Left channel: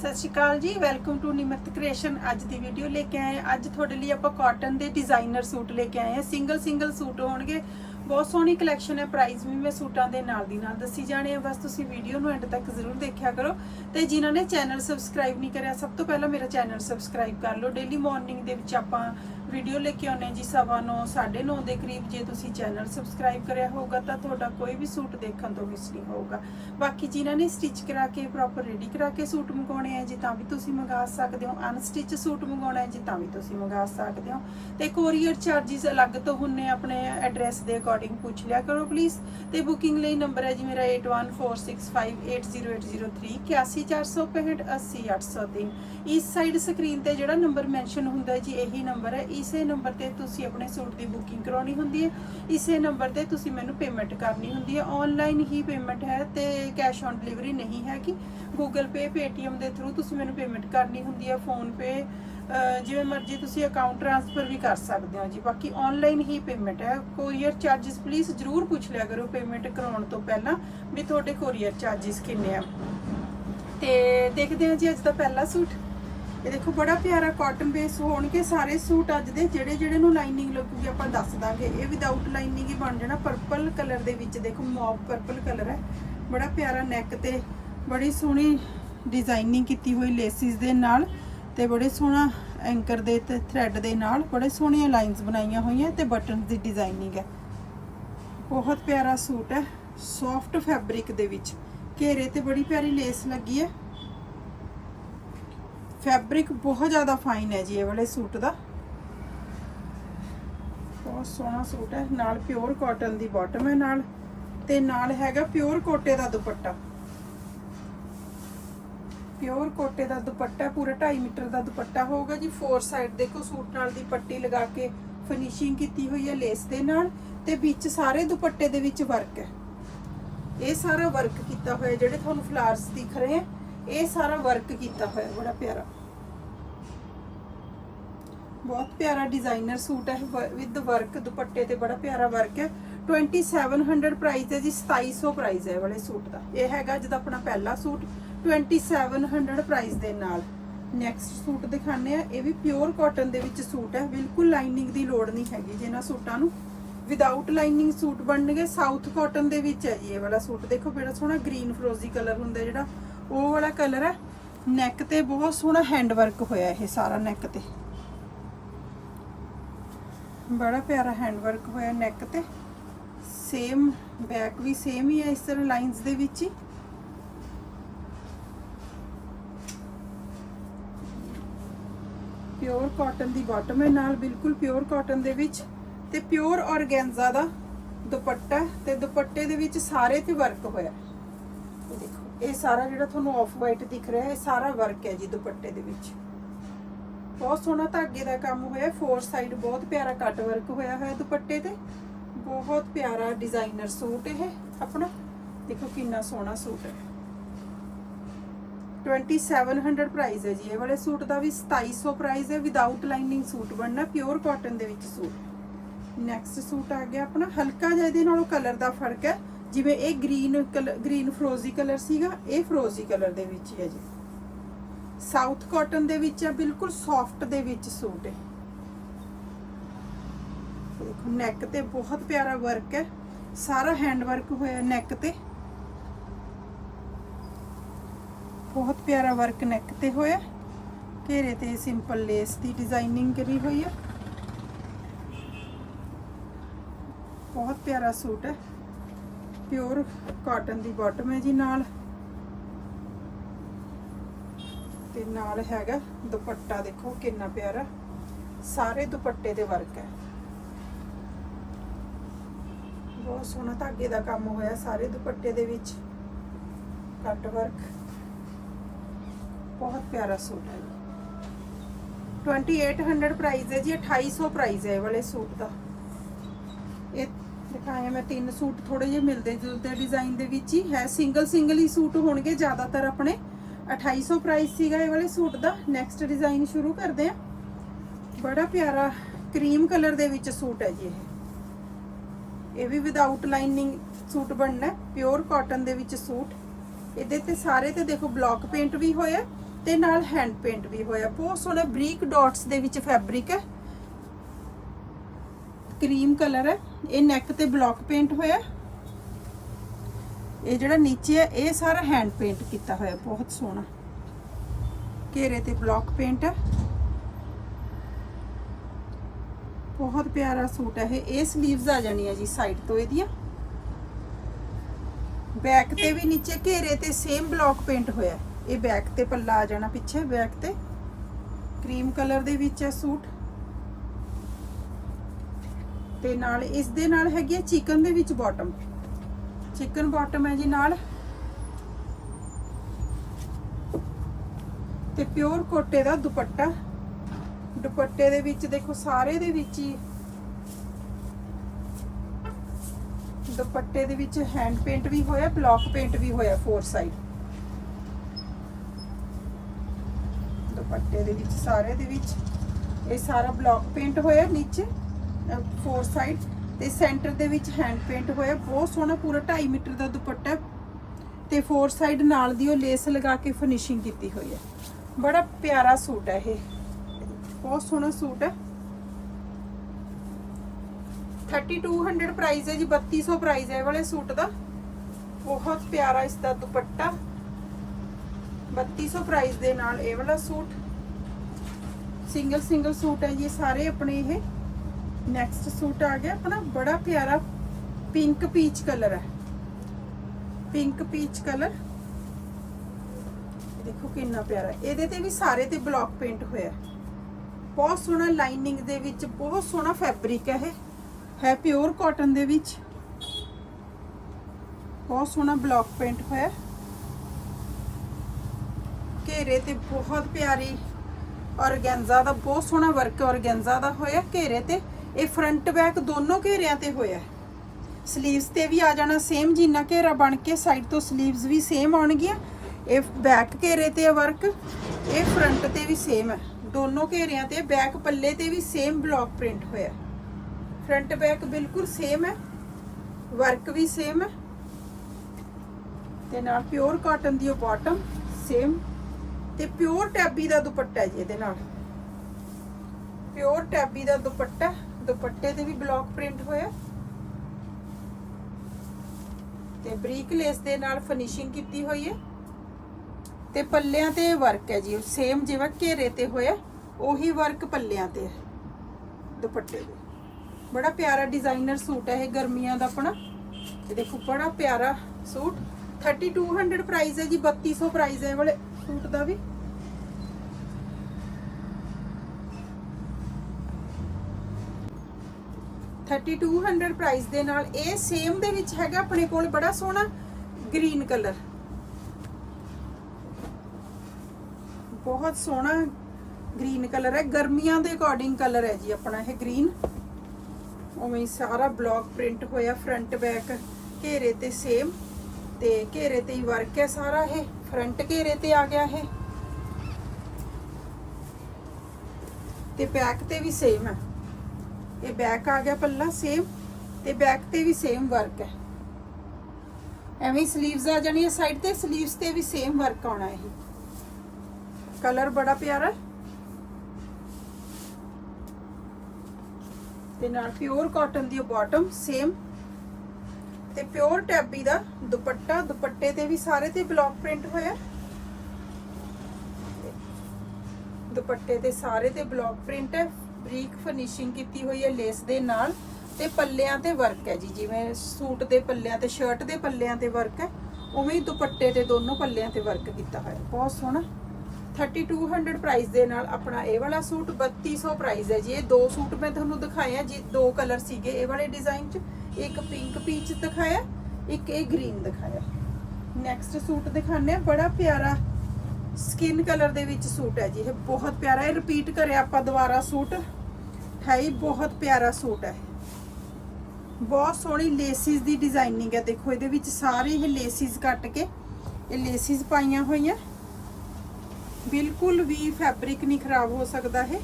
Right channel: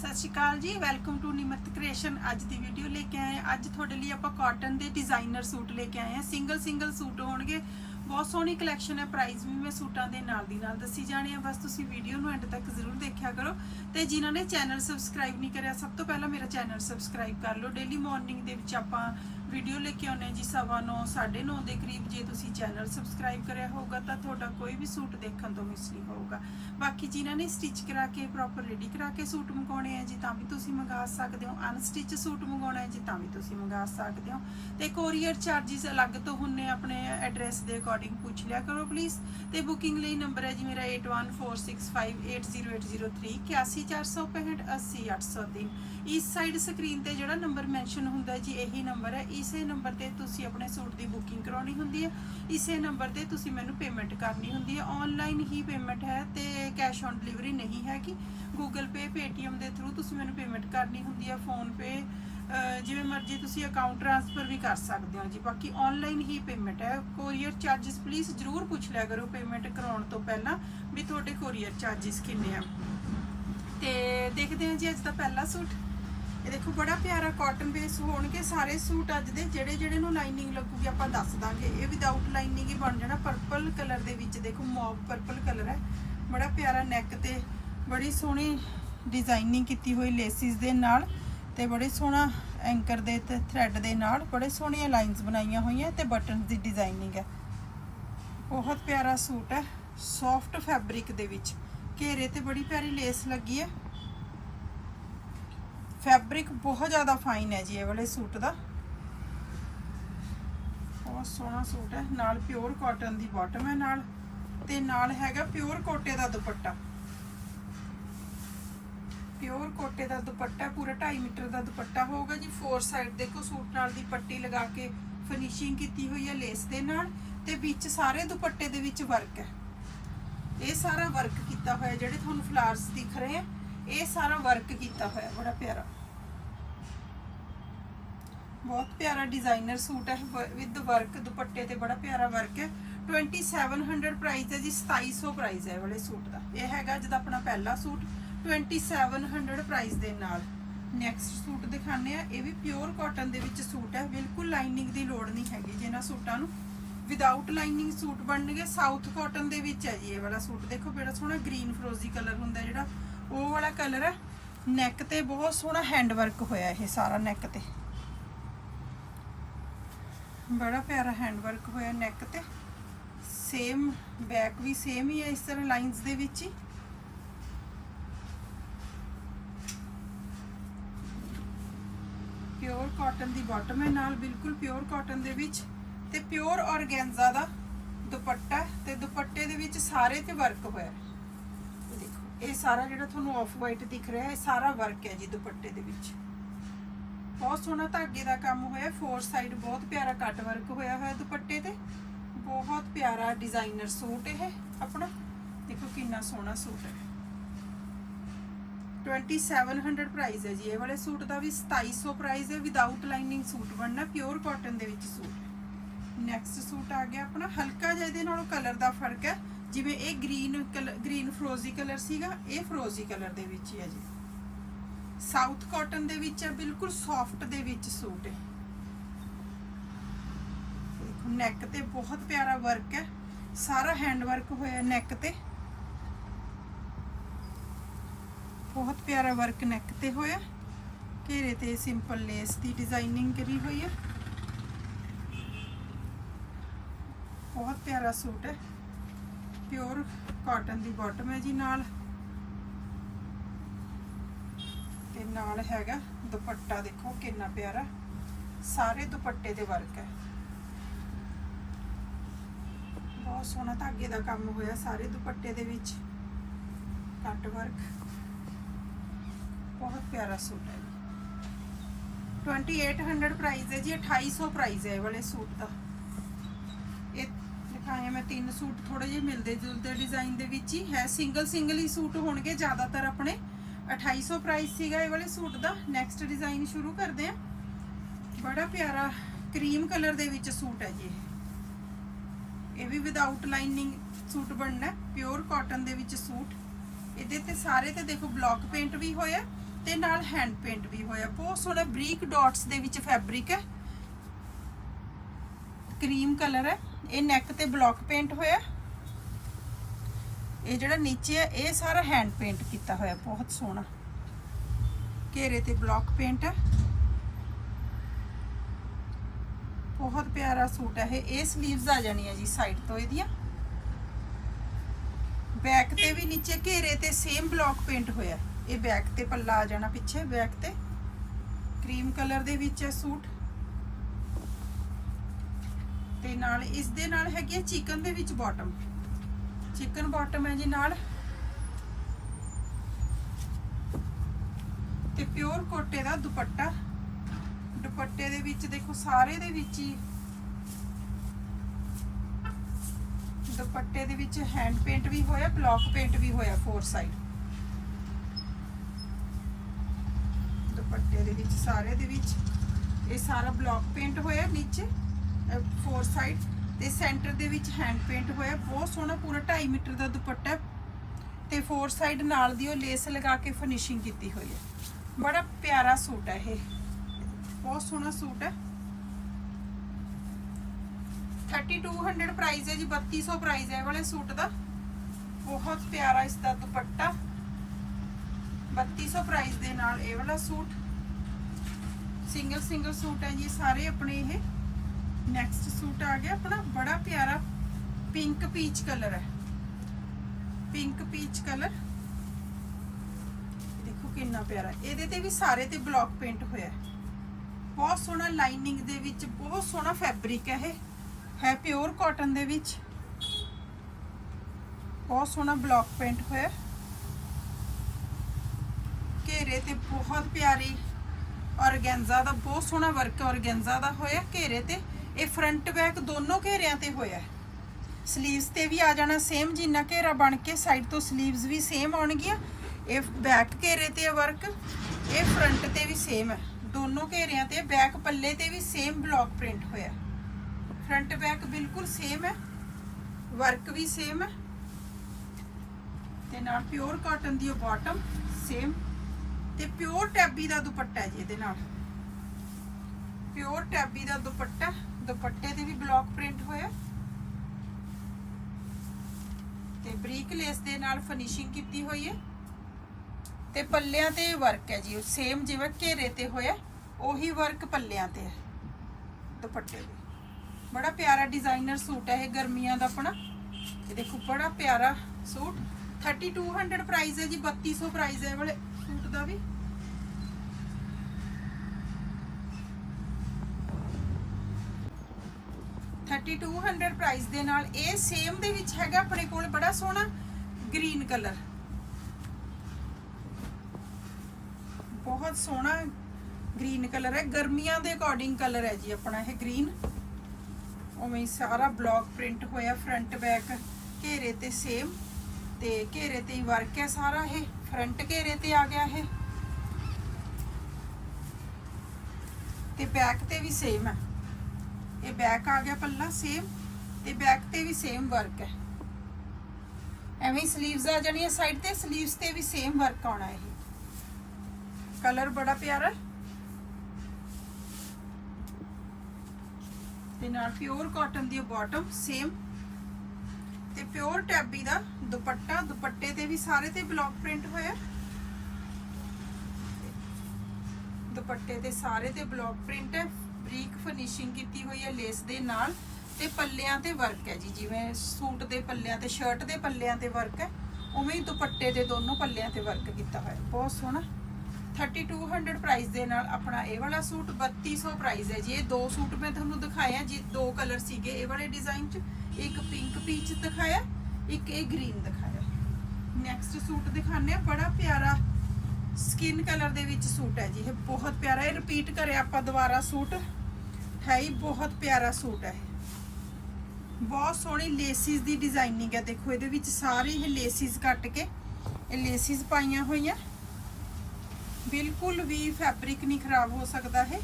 ਸਤਿ ਸ਼੍ਰੀ ਅਕਾਲ ਜੀ welcome to Nimrat creation ਅੱਜ ਦੀ ਵੀਡੀਓ ਲੈ ਕੇ ਆਏ ਅੱਜ ਤੁਹਾਡੇ ਲਈ ਆਪਾਂ ਕਾਟਨ ਦੇ ਡਿਜ਼ਾਈਨਰ ਸੂਟ ਲੈ ਕੇ ਆਏ ਹਾਂ। ਸਿੰਗਲ ਸਿੰਗਲ ਸੂਟ ਹੋਣਗੇ। ਬਹੁਤ ਸੋਹਣੀ ਕਲੈਕਸ਼ਨ ਹੈ ਪ੍ਰਾਈਸ ਵੀ ਮੈਂ ਸੂਟਾਂ ਦੇ ਨਾਲ ਦੀ ਨਾਲ ਦੱਸੀ ਜਾਣੇ ਆ ਬਸ ਤੁਸੀਂ ਵੀਡੀਓ ਨੂੰ ਐਂਡ ਤੱਕ ਜ਼ਰੂਰ ਦੇਖਿਆ ਕਰੋ ਤੇ ਜਿਨ੍ਹਾਂ ਨੇ ਚੈਨਲ ਸਬਸਕ੍ਰਾਈਬ ਨਹੀਂ ਕਰਿਆ ਸਭ ਤੋਂ ਪਹਿਲਾਂ ਮੇਰਾ ਚੈਨਲ ਸਬਸਕ੍ਰਾਈਬ ਕਰ ਲਓ। ਡੇਲੀ ਮਾਰਨਿੰਗ ਦੇ ਵਿੱਚ ਆਪਾਂ ਵੀਡੀਓ ਲੈ ਕੇ ਆਉਂਦੇ ਜੀ ਸਵਾ ਨੌ, ਸਾਢੇ 9 ਦੇ ਕਰੀਬ ਜੇ ਤੁਸੀਂ ਚੈਨਲ ਸਬਸਕ੍ਰਾਈਬ ਕਰਿਆ ਹੋਊਗਾ ਤਾਂ ਤੁਹਾਡਾ ਕੋਈ ਵੀ ਸੂਟ ਦੇਖਣ ਤੋਂ ਮਿਸ ਨਹੀਂ ਹੋਊਗਾ। ਬਾਕੀ ਜਿਨ੍ਹਾਂ ਨੇ ਸਟਿਚ ਕਰਾ ਕੇ ਪ੍ਰੋਪਰ ਰੈਡੀ ਕਰਾ ਕੇ ਸੂਟ ਮੰਗਾਉਣੇ ਆ ਜੀ ਤਾਂ ਵੀ ਤੁਸੀਂ ਮੰਗਾ ਸਕਦੇ ਹੋ। ਅਨਸਟਿਚ ਸੂਟ ਮੰਗਾਉਣਾ ਹੈ ਜੀ ਤਾਂ ਵੀ ਤੁਸੀਂ ਮੰਗਾ ਸਕਦੇ ਹੋ। ਤੇ ਕੋਰੀਅਰ ਚਾਰजेस ਅਲੱਗ ਤੋਂ ਹੁੰਨੇ ਆਪਣੇ ਐਡਰੈਸ ਦੇ ਅਕੋਰਡਿੰਗ ਪੁੱਛ ਲਿਆ ਕਰੋ ਪਲੀਜ਼ ਤੇ ਬੁਕਿੰਗ ਲਈ ਨੰਬਰ ਹੈ ਜੀ ਮੇਰਾ 8146580803 80465 ਇਸ ਸਾਈਡ ਸਕਰੀਨ ਤੇ ਜਿਹੜਾ ਨੰਬਰ ਮੈਂਸ਼ਨ ਹੁੰਦਾ ਜੀ, ਇਹੀ ਨੰਬਰ ਹੈ। ਇਸੇ ਨੰਬਰ ਤੇ ਤੁਸੀਂ ਆਪਣੇ ਸੂਟ ਦੀ ਬੁਕਿੰਗ ਕਰਾਉਣੀ ਹੁੰਦੀ ਹੈ। ਇਸੇ ਨੰਬਰ ਤੇ ਤੁਸੀਂ ਮੈਨੂੰ ਪੇਮੈਂਟ ਕਰਨੀ ਹੁੰਦੀ ਹੈ। ਆਨਲਾਈਨ ਹੀ ਪੇਮੈਂਟ ਹੈ ਤੇ ਕੈਸ਼ ਔਨ ਡਿਲੀਵਰੀ ਨਹੀਂ ਹੈ ਕਿ Google Pay, Paytm ਦੇ ਥਰੂ ਤੁਸੀਂ ਮੈਨੂੰ ਪੇਮੈਂਟ ਕਰਨੀ ਹੁੰਦੀ ਹੈ। ਫੋਨ ਪੇ ਜਿਵੇਂ ਮਰਜ਼ੀ ਤੁਸੀਂ ਅਕਾਊਂਟ ਟ੍ਰਾਂਸਫਰ ਵੀ ਕਰ ਸਕਦੇ ਹੋ ਜੀ। ਬਾਕੀ ਆਨਲਾਈਨ ਹੀ ਪੇਮੈਂਟ ਹੈ। ਕੋਰੀਅਰ ਚਾਰजेस ਪਲੀਜ਼ ਜ਼ਰੂਰ ਪੁੱਛ ਲਿਆ ਕਰੋ ਪੇਮੈਂਟ ਕਰਾਉਣ ਤੋਂ ਪਹਿਲਾਂ ਵੀ ਤੁਹਾਡੇ ਕੋਰੀਅਰ ਚਾਰजेस ਕਿੰਨੇ ਆ। ਤੇ ਦੇਖਦੇ ਹਾਂ ਜੀ ਅੱਜ ਦਾ ਪਹਿਲਾ ਸੂਟ। ਇਹ ਦੇਖੋ, ਬੜਾ ਪਿਆਰਾ ਕਾਟਨ ਬੇਸ ਹੋਣਗੇ ਸਾਰੇ ਸੂਟ ਅੱਜ ਦੇ। ਜਿਹੜੇ ਜਿਹੜੇ ਨੂੰ ਲਾਈਨਿੰਗ ਲੱਗੂਗੀ ਆਪਾਂ ਦੱਸ ਦਾਂਗੇ। ਇਹ ਵਿਦਆਊਟ ਲਾਈਨਿੰਗ ਹੀ ਬਣ ਜਾਣਾ। ਪਰਪਲ ਕਲਰ ਦੇ ਵਿੱਚ ਦੇਖੋ ਮੌਵ ਪਰਪਲ ਕਲਰ ਹੈ। ਬੜਾ ਪਿਆਰਾ ਨੈਕ ਤੇ ਬੜੀ ਸੋਹਣੀ ਡਿਜ਼ਾਈਨਿੰਗ ਕੀਤੀ ਹੋਈ ਲੇਸਿਸ ਦੇ ਨਾਲ। ਤੇ ਬੜੇ ਸੋਹਣਾ ਐਂਕਰ ਦੇ ਤੇ ਥ੍ਰੈਡ ਦੇ ਨਾਲ ਬੜੇ ਸੋਹਣੀਆਂ ਲਾਈਨਸ ਬਣਾਈਆਂ ਹੋਈਆਂ ਤੇ ਬਟਨਸ ਦੀ ਡਿਜ਼ਾਈਨਿੰਗ ਹੈ। ਬਹੁਤ ਪਿਆਰਾ ਸੂਟ ਹੈ ਸੌਫਟ ਫੈਬਰਿਕ ਦੇ ਵਿੱਚ। ਘੇਰੇ ਤੇ ਬੜੀ ਪਿਆਰੀ ਲੇਸ ਲੱਗੀ ਹੈ। ਫੈਬਰਿਕ ਬਹੁਤ ਜ਼ਿਆਦਾ ਫਾਈਨ ਹੈ ਜੀ ਇਹ ਵਾਲੇ ਸੂਟ ਦਾ। ਬਹੁਤ ਸੋਹਣਾ ਸੂਟ ਹੈ, ਨਾਲ ਪਿਓਰ ਕਾਟਨ ਦੀ ਬਾਟਮ ਹੈ ਨਾਲ ਤੇ ਨਾਲ ਹੈਗਾ ਪਿਓਰ ਕੋਟੇ ਦਾ ਦੁਪੱਟਾ। ਪਿਓਰ ਕੋਟੇ ਦਾ ਦੁਪੱਟਾ, ਪੂਰਾ 2.5 ਮੀਟਰ ਦਾ ਦੁਪੱਟਾ ਹੋਊਗਾ ਜੀ। ਫੋਰ ਸਾਈਡ ਦੇਖੋ, ਸੂਟ ਨਾਲ ਦੀ ਪੱਟੀ ਲਗਾ ਕੇ ਫਿਨਿਸ਼ਿੰਗ ਕੀਤੀ ਹੋਈ ਹੈ ਲੇਸ ਦੇ ਨਾਲ ਤੇ ਵਿੱਚ ਸਾਰੇ ਦੁਪੱਟੇ ਦੇ ਵਿੱਚ ਵਰਕ ਹੈ। ਇਹ ਸਾਰਾ ਵਰਕ ਕੀਤਾ ਹੋਇਆ, ਜਿਹੜੇ ਤੁਹਾਨੂੰ ਫਲਾਵਰਸ ਦਿਖ ਰਹੇ ਆ ਇਹ ਸਾਰਾ ਵਰਕ ਕੀਤਾ ਹੋਇਆ ਬੜਾ ਪਿਆਰਾ। ਬਹੁਤ ਪਿਆਰਾ ਡਿਜ਼ਾਈਨਰ ਸੂਟ ਹੈ ਵਿਦ ਵਰਕ ਦੁਪੱਟੇ ਤੇ ਬੜਾ ਪਿਆਰਾ ਵਰਕ ਹੈ। 2700 ਪ੍ਰਾਈਸ ਹੈ ਜੀ 2700 ਪ੍ਰਾਈਸ ਹੈ ਵਾਲੇ ਸੂਟ ਦਾ। ਇਹ ਹੈਗਾ ਜਿਹਦਾ ਆਪਣਾ ਪਹਿਲਾ ਸੂਟ 2700 ਪ੍ਰਾਈਸ ਦੇ ਨਾਲ। ਨੈਕਸਟ ਸੂਟ ਦਿਖਾਣੇ ਆ ਇਹ ਵੀ ਪਿਓਰ ਕਾਟਨ ਦੇ ਵਿੱਚ ਸੂਟ ਹੈ। ਬਿਲਕੁਲ ਲਾਈਨਿੰਗ ਦੀ ਲੋੜ ਨਹੀਂ ਹੈਗੀ ਜੀ ਇਹਨਾਂ ਸੂਟਾਂ ਨੂੰ। ਵਿਦਆਊਟ ਲਾਈਨਿੰਗ ਸੂਟ ਬਣਨਗੇ ਸਾਊਥ ਕਾਟਨ ਦੇ ਵਿੱਚ ਹੈ ਜੀ ਇਹ ਵਾਲਾ ਸੂਟ। ਦੇਖੋ ਬੜਾ ਸੋਹਣਾ ਗ੍ਰੀਨ ਫਰੋਜ਼ੀ ਕਲਰ ਹੁੰਦਾ ਜਿਹੜਾ। ਉਹ ਵਾਲਾ ਕਲਰ ਹੈ। ਨੈਕ ਤੇ ਬਹੁਤ ਸੋਹਣਾ ਹੈਂਡ ਵਰਕ ਹੋਇਆ ਇਹ ਸਾਰਾ ਨੈਕ ਤੇ। ਬੜਾ ਪਿਆਰਾ ਹੈਂਡ ਵਰਕ ਹੋਇਆ ਨੈਕ ਤੇ। ਸੇਮ ਬੈਕ ਵੀ ਸੇਮ ਹੀ ਹੈ ਇਸ ਤਰ੍ਹਾਂ ਲਾਈਨਸ ਦੇ ਵਿੱਚ ਹੀ ਪਿਓਰ ਕਾਟਨ ਦੀ ਬਾਟਮ ਹੈ, ਨਾਲ ਬਿਲਕੁਲ ਪਿਓਰ ਕਾਟਨ ਦੇ ਵਿੱਚ ਤੇ ਪਿਓਰ ਔਰਗੈਂਜ਼ਾ ਦਾ ਦੁਪੱਟਾ ਤੇ ਦੁਪੱਟੇ ਦੇ ਵਿੱਚ ਸਾਰੇ ਤੇ ਵਰਕ ਹੋਇਆ। ਦੇਖੋ, ਇਹ ਸਾਰਾ ਜਿਹੜਾ ਤੁਹਾਨੂੰ ਆਫ ਵਾਈਟ ਦਿਖ ਰਿਹਾ ਹੈ ਇਹ ਸਾਰਾ ਵਰਕ ਹੈ ਜੀ ਦੁਪੱਟੇ ਦੇ ਵਿੱਚ। ਬਹੁਤ ਸੋਹਣਾ ਧਾਗੇ ਦਾ ਕੰਮ ਹੋਇਆ ਫੋਰ ਸਾਈਡ ਬਹੁਤ ਪਿਆਰਾ ਕੱਟ ਵਰਕ ਹੋਇਆ ਹੋਇਆ ਦੁਪੱਟੇ ਤੇ। ਬਹੁਤ ਪਿਆਰਾ ਡਿਜ਼ਾਈਨਰ ਸੂਟ ਇਹ, ਆਪਣਾ। ਦੇਖੋ ਕਿੰਨਾ ਸੋਹਣਾ ਸੂਟ ਹੈ। 2700 ਪ੍ਰਾਈਸ ਹੈ ਜੀ। ਇਹ ਵਾਲੇ ਸੂਟ ਦਾ ਵੀ 2700 ਪ੍ਰਾਈਸ ਹੈ ਵਿਦਆਊਟ ਲਾਈਨਿੰਗ ਸੂਟ ਬਣਨਾ ਪਿਓਰ ਕਾਟਨ ਦੇ ਵਿੱਚ ਸੂਟ। ਨੈਕਸਟ ਸੂਟ ਆ ਗਿਆ ਆਪਣਾ, ਹਲਕਾ ਜਿਹਾ ਇਹਦੇ ਨਾਲੋਂ ਕਲਰ ਦਾ ਫ਼ਰਕ ਹੈ। ਜਿਵੇਂ ਇਹ ਗ੍ਰੀਨ ਗ੍ਰੀਨ ਫਰੋਜ਼ੀ ਕਲਰ ਸੀਗਾ, ਇਹ ਫਰੋਜ਼ੀ ਕਲਰ ਦੇ ਵਿੱਚ ਹੀ ਹੈ ਜੀ। ਸਾਊਥ ਕਾਟਨ ਦੇ ਵਿੱਚ ਹੈ, ਬਿਲਕੁਲ ਸੌਫਟ ਦੇ ਵਿੱਚ ਸੂਟ ਹੈ। ਦੇਖੋ ਨੈਕ ਤੇ ਬਹੁਤ ਪਿਆਰਾ ਵਰਕ ਹੈ। ਸਾਰਾ ਹੈਂਡ ਵਰਕ ਹੋਇਆ ਨੈਕ ਤੇ। ਬਹੁਤ ਪਿਆਰਾ ਵਰਕ ਨੈਕ ਤੇ ਹੋਇਆ। ਘੇਰੇ ਤੇ ਸਿੰਪਲ ਲੇਸ ਦੀ ਡਿਜ਼ਾਈਨਿੰਗ ਕਰੀ ਹੋਈ ਹੈ। ਬਹੁਤ ਪਿਆਰਾ ਸੂਟ ਹੈ। ਪਿਓਰ ਕਾਟਨ ਦੀ ਬਾਟਮ ਹੈ ਜੀ ਨਾਲ। ਤੇ ਨਾਲ ਹੈਗਾ ਦੁਪੱਟਾ, ਦੇਖੋ ਕਿੰਨਾ ਪਿਆਰਾ। ਸਾਰੇ ਦੁਪੱਟੇ ਦੇ ਵਰਕ ਹੈ। ਬਹੁਤ ਸੋਹਣਾ ਧਾਗੇ ਦਾ ਕੰਮ ਹੋਇਆ ਸਾਰੇ ਦੁਪੱਟੇ ਦੇ ਵਿੱਚ। ਕੱਟ ਵਰਕ ਬਹੁਤ ਪਿਆਰਾ ਸੂਟ ਹੈ 2800 ਪ੍ਰਾਈਸ ਹੈ ਜੀ 2800 ਪ੍ਰਾਈਸ ਹੈ ਇਹ ਵਾਲੇ ਸੂਟ ਦਾ। ਇਹ ਦਿਖਾਇਆ ਮੈਂ, ਤਿੰਨ ਸੂਟ ਥੋੜੇ ਜਿਹੇ ਮਿਲਦੇ ਜੁਲਦੇ ਡਿਜ਼ਾਈਨ ਦੇ ਵਿੱਚ ਹੀ। ਹੈ ਸਿੰਗਲ ਸਿੰਗਲ ਹੀ ਸੂਟ ਹੋਣਗੇ ਜ਼ਿਆਦਾਤਰ ਆਪਣੇ। 2800 ਪ੍ਰਾਈਸ ਸੀਗਾ ਇਹ ਵਾਲੇ ਸੂਟ ਦਾ। ਨੈਕਸਟ ਡਿਜ਼ਾਈਨ ਸ਼ੁਰੂ ਕਰਦੇ ਆ ਬੜਾ ਪਿਆਰਾ ਕਰੀਮ ਕਲਰ ਦੇ ਵਿੱਚ ਸੂਟ ਹੈ ਜੀ ਇਹ। ਇਹ ਵੀ ਵਿਦਆਊਟ ਲਾਈਨਿੰਗ ਸੂਟ ਬਣਨਾ ਪਿਓਰ ਕਾਟਨ ਦੇ ਵਿੱਚ ਸੂਟ। ਇਹਦੇ ਤੇ ਸਾਰੇ ਤੇ ਦੇਖੋ ਬਲੌਕ ਪੇਂਟ ਵੀ ਹੋਇਆ। ਤੇ ਨਾਲ ਹੈਂਡ ਪੇਂਟ ਵੀ ਹੋਇਆ। ਬਹੁਤ ਸੋਹਣਾ ਬਰੀਕ ਡਾਟਸ ਦੇ ਵਿੱਚ ਫੈਬਰਿਕ ਹੈ। ਕਰੀਮ ਕਲਰ ਹੈ। ਇਹ ਨੈਕ ਤੇ ਬਲੌਕ ਪੇਂਟ ਹੋਇਆ। ਇਹ ਜਿਹੜਾ ਨੀਚੇ ਹੈ, ਇਹ ਸਾਰਾ ਹੈਂਡ ਪੇਂਟ ਕੀਤਾ ਹੋਇਆ। ਬਹੁਤ ਸੋਹਣਾ। ਘੇਰੇ ਤੇ ਬਲੌਕ ਪੇਂਟ ਹੈ। ਬਹੁਤ ਪਿਆਰਾ ਸੂਟ ਹੈ ਇਹ। ਇਹ 슬ੀਵਸ ਆ ਜਾਣੀਆਂ ਜੀ ਸਾਈਡ ਤੋਂ ਇਹਦੀਆਂ। ਬੈਕ ਤੇ ਵੀ ਨੀਚੇ ਘੇਰੇ ਤੇ ਸੇਮ ਬਲੌਕ ਪੇਂਟ ਹੋਇਆ। ਇਹ ਬੈਕ ਤੇ ਪੱਲਾ ਆ ਜਾਣਾ ਪਿੱਛੇ, ਬੈਕ ਤੇ। ਕਰੀਮ ਕਲਰ ਦੇ ਵਿੱਚ ਹੈ ਸੂਟ। ਤੇ ਨਾਲ ਇਸ ਦੇ ਨਾਲ ਹੈਗੀ ਹੈ ਚਿਕਨ ਦੇ ਵਿੱਚ ਬਾਟਮ ਚਿਕਨ ਬਾਟਮ ਹੈ ਜੀ ਨਾਲ। ਤੇ ਪਿਓਰ ਕੋਟੇ ਦਾ ਦੁਪੱਟਾ। ਦੁਪੱਟੇ ਦੇ ਵਿੱਚ ਦੇਖੋ ਸਾਰੇ ਦੇ ਵਿੱਚ ਹੀ ਦੁਪੱਟੇ ਦੇ ਵਿੱਚ ਹੈਂਡ ਪੇਂਟ ਵੀ ਹੋਇਆ ਬਲੌਕ ਪੇਂਟ ਵੀ ਹੋਇਆ ਫੋਰ ਸਾਈਡ ਦੁਪੱਟੇ ਦੇ ਵਿੱਚ, ਸਾਰੇ ਦੇ ਵਿੱਚ। ਇਹ ਸਾਰਾ ਬਲੌਕ ਪੇਂਟ ਹੋਇਆ ਨੀਚੇ ਫੋਰ ਸਾਈਡ ਤੇ ਸੈਂਟਰ ਦੇ ਵਿੱਚ ਹੈਂਡ ਪੇਂਟ ਹੋਇਆ। ਬਹੁਤ ਸੋਹਣਾ ਪੂਰਾ 2.5 ਮੀਟਰ ਦਾ ਦੁਪੱਟਾ ਤੇ ਫੋਰ ਸਾਈਡ ਨਾਲ ਦੀ ਉਹ ਲੇਸ ਲਗਾ ਕੇ ਫਿਨਿਸ਼ਿੰਗ ਕੀਤੀ ਹੋਈ ਹੈ ਬੜਾ ਪਿਆਰਾ ਸੂਟ ਹੈ ਇਹ। ਬਹੁਤ ਸੋਹਣਾ ਸੂਟ ਹੈ 3200 ਪ੍ਰਾਈਸ ਹੈ ਜੀ 3200 ਪ੍ਰਾਈਸ ਹੈ ਇਹ ਵਾਲੇ ਸੂਟ ਦਾ। ਬਹੁਤ ਪਿਆਰਾ ਇਸ ਦਾ ਦੁਪੱਟਾ। 3200 ਪ੍ਰਾਈਸ ਦੇ ਨਾਲ ਇਹ ਵਾਲਾ ਸੂਟ। ਸਿੰਗਲ ਸਿੰਗਲ ਸੂਟ ਹੈ ਜੀ ਸਾਰੇ ਆਪਣੇ ਇਹ। ਨੈਕਸਟ ਸੂਟ ਆ ਗਿਆ ਆਪਣਾ, ਬੜਾ ਪਿਆਰਾ ਪਿੰਕ ਪੀਚ ਕਲਰ ਹੈ। ਪਿੰਕ ਪੀਚ ਕਲਰ ਦੇਖੋ ਕਿੰਨਾ ਪਿਆਰਾ, ਇਹਦੇ ਤੇ ਵੀ ਸਾਰੇ ਤੇ ਬਲੌਕ ਪੇਂਟ ਹੋਇਆ ਬਹੁਤ ਸੋਹਣਾ ਲਾਈਨਿੰਗ ਦੇ ਵਿੱਚ, ਬਹੁਤ ਸੋਹਣਾ ਫੈਬਰਿਕ ਹੈ ਇਹ। ਹੈ ਪਿਓਰ ਕਾਟਨ ਦੇ ਵਿੱਚ। ਬਹੁਤ ਸੋਹਣਾ ਬਲੌਕ ਪੇਂਟ ਹੋਇਆ ਘੇਰੇ ਤੇ ਬਹੁਤ ਪਿਆਰੀ ਔਰਗੈਂਜ਼ਾ ਦਾ, ਬਹੁਤ ਸੋਹਣਾ ਵਰਕ ਔਰਗੈਂਜ਼ਾ ਦਾ ਹੋਇਆ ਘੇਰੇ ਤੇ। ਇਹ ਫਰੰਟ ਬੈਕ ਦੋਨੋਂ ਘੇਰਿਆਂ ਤੇ ਹੋਇਆ ਸਲੀਵਸ ਤੇ ਵੀ ਆ ਜਾਣਾ ਸੇਮ ਜਿੰਨਾ ਘੇਰਾ ਬਣ ਕੇ ਸਾਈਡ ਤੋਂ ਸਲੀਵਸ ਵੀ ਸੇਮ ਆਉਣਗੀਆਂ। ਇਹ ਬੈਕ ਘੇਰੇ ਤੇ ਵਰਕ ਇਹ ਫਰੰਟ ਤੇ ਵੀ ਸੇਮ ਹੈ। ਦੋਨੋਂ ਘੇਰਿਆਂ ਤੇ ਬੈਕ ਪੱਲੇ ਤੇ ਵੀ ਸੇਮ ਬਲੌਕ ਪ੍ਰਿੰਟ ਹੋਇਆ ਫਰੰਟ ਬੈਕ ਬਿਲਕੁਲ ਸੇਮ ਹੈ ਵਰਕ ਵੀ ਸੇਮ ਹੈ। ਤੇ ਨਾਲ ਪਿਓਰ ਕਾਟਨ ਦੀ ਉਹ ਬਾਟਮ ਸੇਮ ਤੇ ਪਿਓਰ ਟੈਬੀ ਦਾ ਦੁਪੱਟਾ ਜੀ ਇਹਦੇ ਨਾਲ। ਪਿਓਰ ਟੈਬੀ ਦਾ ਦੁਪੱਟਾ, ਦੁਪੱਟੇ ਤੇ ਵੀ ਬਲੌਕ ਪ੍ਰਿੰਟ ਹੋਇਆ। ਤੇ ਬਰੀਕ ਲੇਸ ਦੇ ਨਾਲ ਫਿਨਿਸ਼ਿੰਗ ਕੀਤੀ ਹੋਈ ਹੈ। ਤੇ ਪੱਲਿਆਂ ਤੇ ਵਰਕ ਹੈ ਜੀ, ਉਹ ਸੇਮ ਜਿਵੇਂ ਘੇਰੇ ਤੇ ਹੋਇਆ, ਉਹੀ ਵਰਕ ਪੱਲਿਆਂ ਤੇ ਹੈ, ਦੁਪੱਟੇ ਦੇ। ਬੜਾ ਪਿਆਰਾ ਡਿਜ਼ਾਈਨਰ ਸੂਟ ਹੈ ਇਹ ਗਰਮੀਆਂ ਦਾ ਆਪਣਾ। ਇਹ ਦੇਖੋ, ਬੜਾ ਪਿਆਰਾ ਸੂਟ। 3200 ਪ੍ਰਾਈਸ ਹੈ ਜੀ 3200 ਪ੍ਰਾਈਸ ਹੈ ਵਾਲੇ ਸੂਟ ਦਾ ਵੀ। ਥਰਟੀ ਟੂ ਹੰਡਰਡ ਪ੍ਰਾਈਸ ਦੇ ਨਾਲ ਇਹ ਸੇਮ ਦੇ ਵਿੱਚ ਹੈਗਾ ਆਪਣੇ ਕੋਲ ਬੜਾ ਸੋਹਣਾ ਗ੍ਰੀਨ ਕਲਰ ਬਹੁਤ ਸੋਹਣਾ ਗ੍ਰੀਨ ਕਲਰ ਹੈ। ਗਰਮੀਆਂ ਦੇ ਅਕੋਰਡਿੰਗ ਕਲਰ ਹੈ ਜੀ ਆਪਣਾ ਇਹ ਗ੍ਰੀਨ ਉਵੇਂ ਸਾਰਾ ਬਲੌਕ ਪ੍ਰਿੰਟ ਹੋਇਆ ਫਰੰਟ ਬੈਕ ਘੇਰੇ ਤੇ ਸੇਮ ਤੇ ਘੇਰੇ ਤੇ ਹੀ ਵਰਕ ਹੈ ਸਾਰਾ ਇਹ। ਫਰੰਟ ਘੇਰੇ ਤੇ ਆ ਗਿਆ ਇਹ। ਤੇ ਬੈਕ ਤੇ ਵੀ ਸੇਮ ਹੈ। ਇਹ ਬੈਕ ਆ ਗਿਆ ਪੱਲਾ ਸੇਮ ਤੇ ਬੈਕ ਤੇ ਵੀ ਸੇਮ ਵਰਕ ਹੈ। ਐਵੇਂ ਸਲੀਵਸ ਆ ਜਾਣੀਆਂ ਸਾਈਡ ਤੇ ਸਲੀਵਸ ਤੇ ਵੀ ਸੇਮ ਵਰਕ ਆਉਣਾ ਇਹ। ਕਲਰ ਬੜਾ ਪਿਆਰਾ ਤੇ ਨਾਲ ਪਿਓਰ ਕਾਟਨ ਦੀ ਬਾਟਮ ਸੇਮ ਤੇ ਪਿਓਰ ਟੈਬੀ ਦਾ ਦੁਪੱਟਾ, ਦੁਪੱਟੇ ਤੇ ਵੀ ਸਾਰੇ ਤੇ ਬਲੌਕ ਪ੍ਰਿੰਟ ਹੋਇਆ। ਦੁਪੱਟੇ ਤੇ ਸਾਰੇ ਤੇ ਬਲੌਕ ਪ੍ਰਿੰਟ ਹੈ। ਬਰੀਕ ਫਿਨਿਸ਼ਿੰਗ ਕੀਤੀ ਹੋਈ ਹੈ ਲੇਸ ਦੇ ਨਾਲ ਤੇ ਪੱਲਿਆਂ ਤੇ ਵਰਕ ਹੈ ਜੀ, ਜਿਵੇਂ ਸੂਟ ਦੇ ਪੱਲਿਆਂ ਤੇ ਸ਼ਰਟ ਦੇ ਪੱਲਿਆਂ ਤੇ ਵਰਕ ਹੈ, ਉਵੇਂ ਹੀ ਦੁਪੱਟੇ ਤੇ ਦੋਨੋਂ ਪੱਲਿਆਂ ਤੇ ਵਰਕ ਕੀਤਾ ਹੋਇਆ ਬਹੁਤ ਸੋਹਣਾ। 3200 ਪ੍ਰਾਈਸ ਦੇ ਨਾਲ ਆਪਣਾ ਇਹ ਵਾਲਾ ਸੂਟ 3200 ਪ੍ਰਾਈਸ ਹੈ ਜੀ। ਇਹ ਦੋ ਸੂਟ ਮੈਂ ਤੁਹਾਨੂੰ ਦਿਖਾਇਆ ਆ, ਜੀ ਦੋ ਕਲਰ ਸੀਗੇ ਇਹ ਵਾਲੇ ਡਿਜ਼ਾਈਨ 'ਚ, ਇੱਕ ਪਿੰਕ ਪੀਚ ਦਿਖਾਇਆ, ਇੱਕ ਇਹ ਗ੍ਰੀਨ ਦਿਖਾਇਆ। ਨੈਕਸਟ ਸੂਟ ਦਿਖਾਣੇ ਆ ਬੜਾ ਪਿਆਰਾ ਸਕਿਨ ਕਲਰ ਦੇ ਵਿੱਚ ਸੂਟ ਹੈ ਜੀ, ਇਹ ਬਹੁਤ ਪਿਆਰਾ ਇਹ ਰਿਪੀਟ ਕਰਿਆ ਆਪਾਂ ਦੁਬਾਰਾ ਸੂਟ। ਹੈ ਬਹੁਤ ਪਿਆਰਾ ਸੂਟ ਹੈ। ਬਹੁਤ ਸੋਹਣੀ ਲੇਸਿਸ ਦੀ ਡਿਜ਼ਾਈਨਿੰਗ ਹੈ। ਦੇਖੋ, ਇਹਦੇ ਵਿੱਚ ਸਾਰੇ ਇਹ ਲੇਸਿਸ ਕੱਟ ਕੇ ਇਹ ਲੇਸਿਸ ਪਾਈਆਂ ਹੋਈਆਂ। ਬਿਲਕੁਲ ਵੀ ਫੈਬਰਿਕ ਨਹੀਂ ਖਰਾਬ ਹੋ ਸਕਦਾ ਹੈ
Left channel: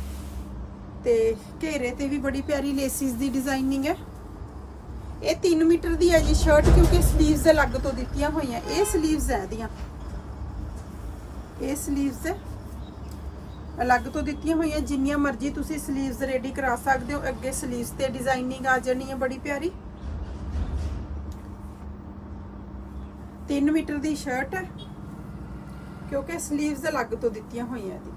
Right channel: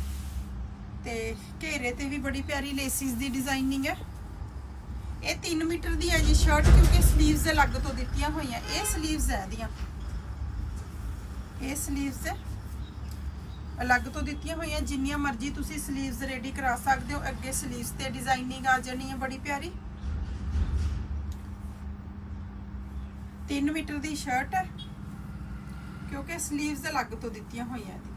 ਤੇ ਘੇਰੇ ਤੇ ਵੀ ਬੜੀ ਪਿਆਰੀ ਲੇਸਿਸ ਦੀ ਡਿਜ਼ਾਈਨਿੰਗ ਹੈ। ਇਹ 3 ਮੀਟਰ ਦੀ ਹੈ ਜੀ ਸ਼ਰਟ ਕਿਉਂਕਿ 슬ੀਵਸ ਅਲੱਗ ਤੋਂ ਦਿੱਤੀਆਂ ਹੋਈਆਂ। ਇਹ 슬ੀਵਸ ਹੈ ਇਹਦੀਆਂ। ਇਹ ਸਲੀਵਸ ਅਲੱਗ ਤੋਂ ਦਿੱਤੀਆਂ ਹੋਈਆਂ, ਜਿੰਨੀਆਂ ਮਰਜ਼ੀ ਤੁਸੀਂ ਸਲੀਵਸ ਰੈਡੀ ਕਰਾ ਸਕਦੇ ਹੋ। ਅੱਗੇ ਸਲੀਵਸ ਤੇ ਡਿਜ਼ਾਈਨਿੰਗ ਆ ਜਾਣੀ ਹੈ ਬੜੀ ਪਿਆਰੀ। 3 ਮੀਟਰ ਦੀ ਸ਼ਰਟ ਹੈ, ਕਿਉਂਕਿ ਸਲੀਵਸ ਅਲੱਗ ਤੋਂ ਦਿੱਤੀਆਂ ਹੋਈਆਂ ਇਹਦੀ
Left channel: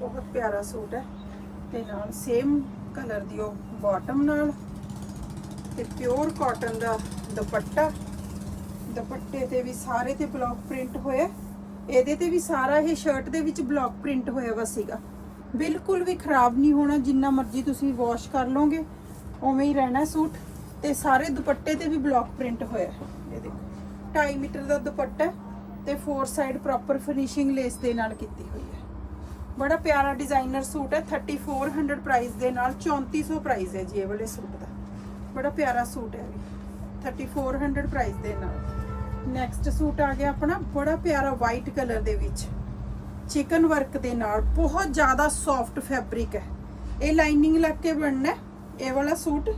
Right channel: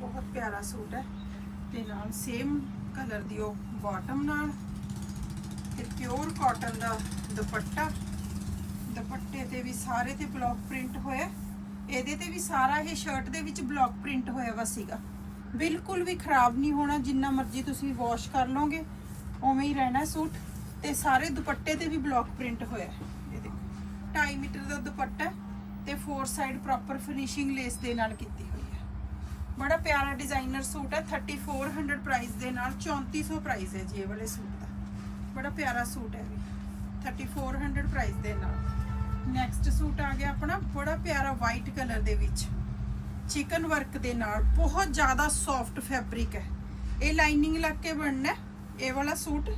ਬਹੁਤ ਪਿਆਰਾ ਸੂਟ ਹੈ। ਤੇ ਨਾਲ ਸੇਮ ਕਲਰ ਦੀ ਉਹ ਬਾਟਮ ਨਾਲ ਤੇ ਪਿਓਰ ਕਾਟਨ ਦਾ ਦੁਪੱਟਾ। ਦੁਪੱਟੇ ਤੇ ਵੀ ਸਾਰੇ ਤੇ ਬਲੌਕ ਪ੍ਰਿੰਟ ਹੋਇਆ। ਇਹਦੇ ਤੇ ਵੀ ਸਾਰਾ ਇਹ ਸ਼ਰਟ ਦੇ ਵਿੱਚ ਬਲੌਕ ਪ੍ਰਿੰਟ ਹੋਇਆ ਵਾ ਸੀਗਾ। ਬਿਲਕੁਲ ਵੀ ਖਰਾਬ ਨਹੀਂ ਹੋਣਾ, ਜਿੰਨਾ ਮਰਜ਼ੀ ਤੁਸੀਂ ਵਾਸ਼ ਕਰ ਲਓਗੇ, ਉਵੇਂ ਹੀ ਰਹਿਣਾ ਸੂਟ। ਤੇ ਸਾਰੇ ਦੁਪੱਟੇ ਤੇ ਵੀ ਬਲੌਕ ਪ੍ਰਿੰਟ ਹੋਇਆ ਇਹ ਦੇਖੋ 2.5 ਮੀਟਰ ਦਾ ਦੁਪੱਟਾ ਹੈ ਤੇ four side proper finishing lace ਦੇ ਨਾਲ ਕੀਤੀ ਹੋਈ ਬੜਾ ਪਿਆਰਾ ਡਿਜ਼ਾਈਨਰ ਸੂਟ ਹੈ 3400 ਪ੍ਰਾਈਸ ਦੇ ਨਾਲ 3400 ਪ੍ਰਾਈਸ ਹੈ ਜੀ ਇਹ ਵਾਲੇ ਸੂਟ ਦਾ। ਬੜਾ ਪਿਆਰਾ ਸੂਟ ਹੈ ਇਹ ਵੀ। 3400 ਪ੍ਰਾਈਸ ਦੇ ਨਾਲ। ਨੈਕਸਟ ਸੂਟ ਆ ਗਿਆ ਆਪਣਾ, ਬੜਾ ਪਿਆਰਾ ਵਾਈਟ ਕਲਰ ਦੇ ਵਿੱਚ। ਚਿਕਨ ਵਰਕ ਦੇ ਨਾਲ, ਬਹੁਤ ਜ਼ਿਆਦਾ ਸੌਫਟ ਫੈਬਰਿਕ ਹੈ। ਇਹ ਲਾਈਨਿੰਗ ਲੱਗ ਕੇ ਬਣਨਾ ਇਹ ਵਾਲਾ ਸੂਟ।